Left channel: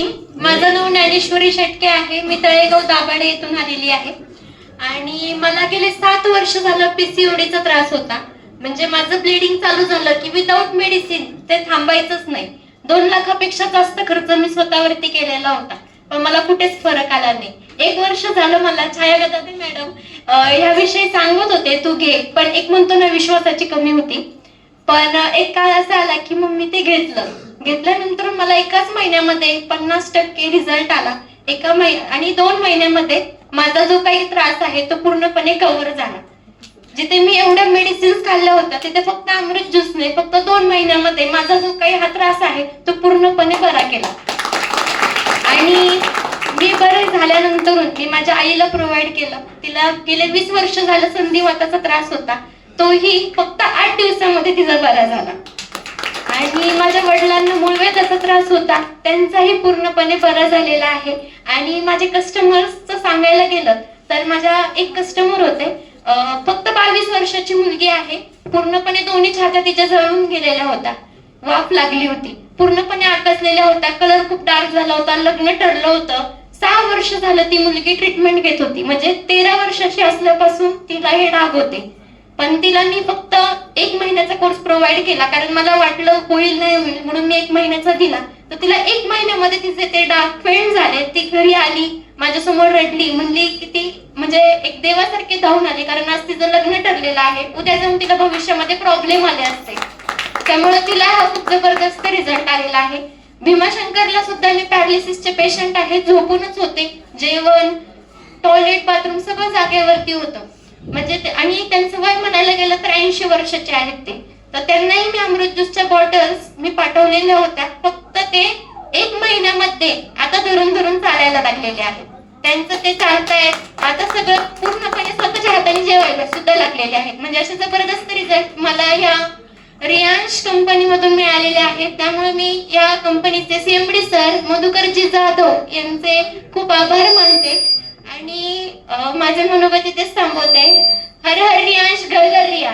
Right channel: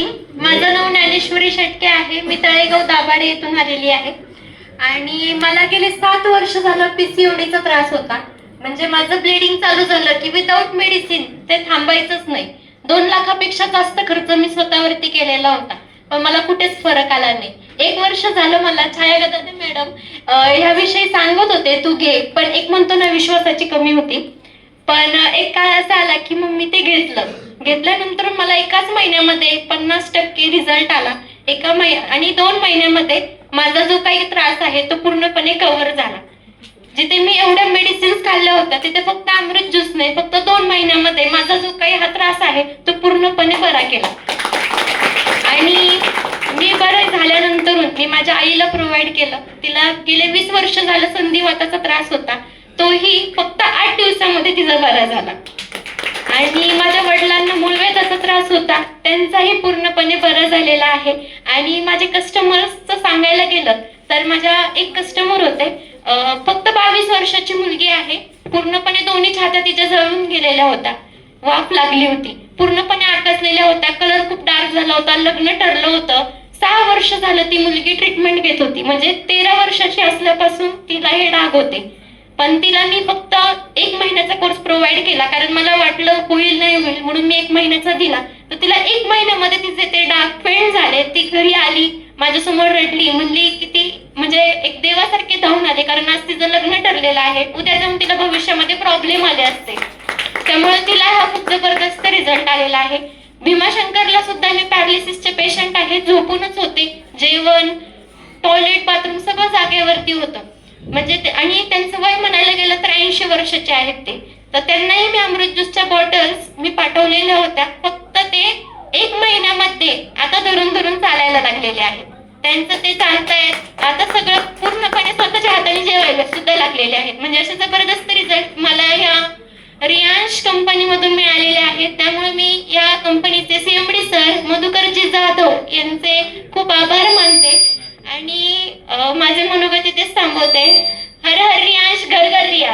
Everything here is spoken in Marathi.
मॉर्निंग. माझं नाव ज्ञानेश्वरी शेटके आहे. मी तळेगाव दाभाडे येथून आलेली आहे आणि मला गेले 7 वर्ष झालं पीसीओडीचा त्रास होता. म्हणजे माझं ब्लिडिंग चालू झालं की विदाऊट मेडिसिन ते थांबायचंच नाही. 2 लाखापेक्षा जास्त खर्च मी स्वतःवरती केलेला होता, पण मला कुठेच फरक आला नाही. 1 वर्ष झालं मला छाया गदादे मॅडम ह्याविषयी सांगत होते तू घे, पण एक म्हणतो ना विश्वासाची कमी होती. पण एक काळ असा आला की मग मी ते घेतल्यानंतर मला एकाच महिन्यामध्ये 50% रिझल्ट आला. आणि 2 महिन्यामध्ये माझा जो काही त्रास आहे तो पूर्णपणे कव्हर झाला. जिथे मी एवढ्या मेडिसिन्स खाल्ल्या होत्या तिथे फक्त अमृत ज्यूस नाही, फक्त 2 महिन्यामध्ये माझा जो काही हा त्रास आहे तो पूर्णपणे बरा केला. आणि मी बरे झाल्यानंतर मी माझ्या आईला प्रोव्हाइड केलं. तिला गेले 20 वर्ष झालं संधिवाताचा त्रास होता, तोही फक्त 8 दिवसामध्ये तिचा बरा झाला. आणि माझ्या वडिलांना मूळव्याधाचा त्रास होता, त्यांचाही पूर्णपणे बरा झालेला आहे. आणि माझे कस्टमर्सचं सांगायला गेलं तर माझ्या एक कस्टमर होते, फक्त 22 वर्षाची मुलगी आहे. पूर्णपणे दोन्ही छात्या तिच्या जळून गेलेल्या होत्या, वाफ लागली होती, पूर्णपणे आकसलेल्या होत्या, कलर खूप डार्क झाला होता, लग्न ठरलं होतं. 6 वर्ष झालं ती मुलगी ट्रीटमेंट घेत होती. म्हणजे 13 वर्षाची असल्यापासून तिला हे डाग होते. पण तिला मी फक्त 1 महिन्याचा कोर्स प्रोव्हाइड केला, कारण मला वाटलं होईल नाही होईल म्हणून मी 1 महिन्याचा दिला. तर तिला 1 महिन्यामध्ये तिचे ते डाग फेड झाले. ती घरी आली, माझ्यासमोर रडली, म्हणली की ती म्हणजे एक देवासारखे धावून आले, कारण आज तिचं लग्न ठरलेलं आहे, उद्या जाऊन तिला भविष्यामध्ये प्रॉब्लेम आले असते. त्यामुळे तिला हा खूप जबरदस्त रिझल्ट आलेला आहे. भीमाशंकरला सुद्धा मी पॅरालिसिसचे पेशंट आहे, झोपूनच होते, जेवण, टॉयलेट, बाथरूम सगळं जागेवरती होतं. म्हणजे आणि त्यांचं वय म्हणायला गेलं तर 80 वर्षाचे आहेत ते. तर त्यांनाही मी अमृत ज्यूसच्या बॉटल्स मी पाठवलेल्या होत्या. फक्त ते 1 महिन्यामध्ये आता धरून चालायला लागलेले आहेत. त्यांचं ते चालतायत आता, सगळं पूर्णपणे स्वतःच्या हाताने जेवायला सुद्धा लागलेले आहेत. म्हणजे असे जबरदस्त रिझल्ट मला या रियांश कंपनीमधून मिळालेले आहेत. त्यामुळे मी या कंपनीचे सीएमडी सर मधुकरजी जाधव यांचे खूप आभार मानते आणि माझे मनोगत इथेच थांबवते. हर हर रियांश, घर घर रियांश.